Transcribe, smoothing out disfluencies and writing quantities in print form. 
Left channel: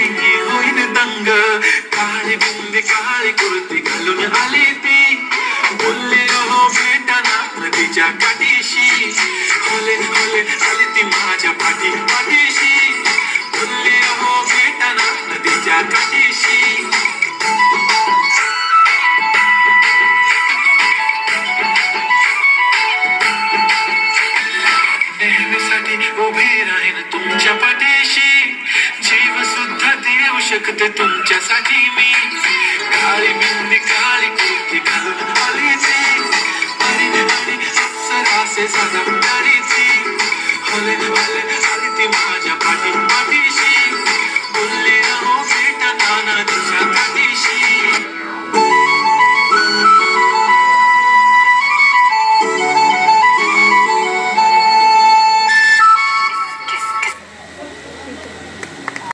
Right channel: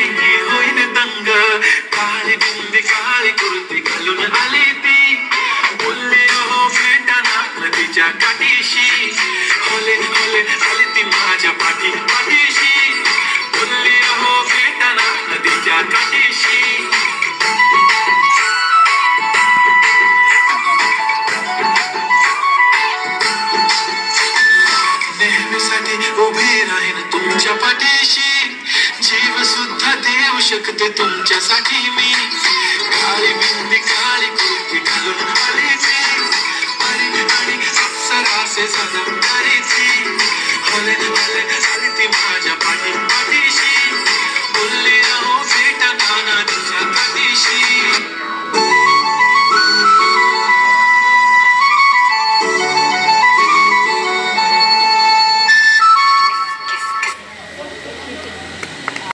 पाहुणी होईन दंग. काळी बिंदी काळी कुर्ती घालून आली ती, बोलले हो भेटना नदीच्या काठीशी. होले होले आली ती माझ्या पाठीशी, बोलले हो भेटना नदीच्या काठीशी. नेहमीसाठी उभी राहीन तुमच्या पाठीशी, जीव सुद्धा देऊ शकते तुमच्यासाठी मी.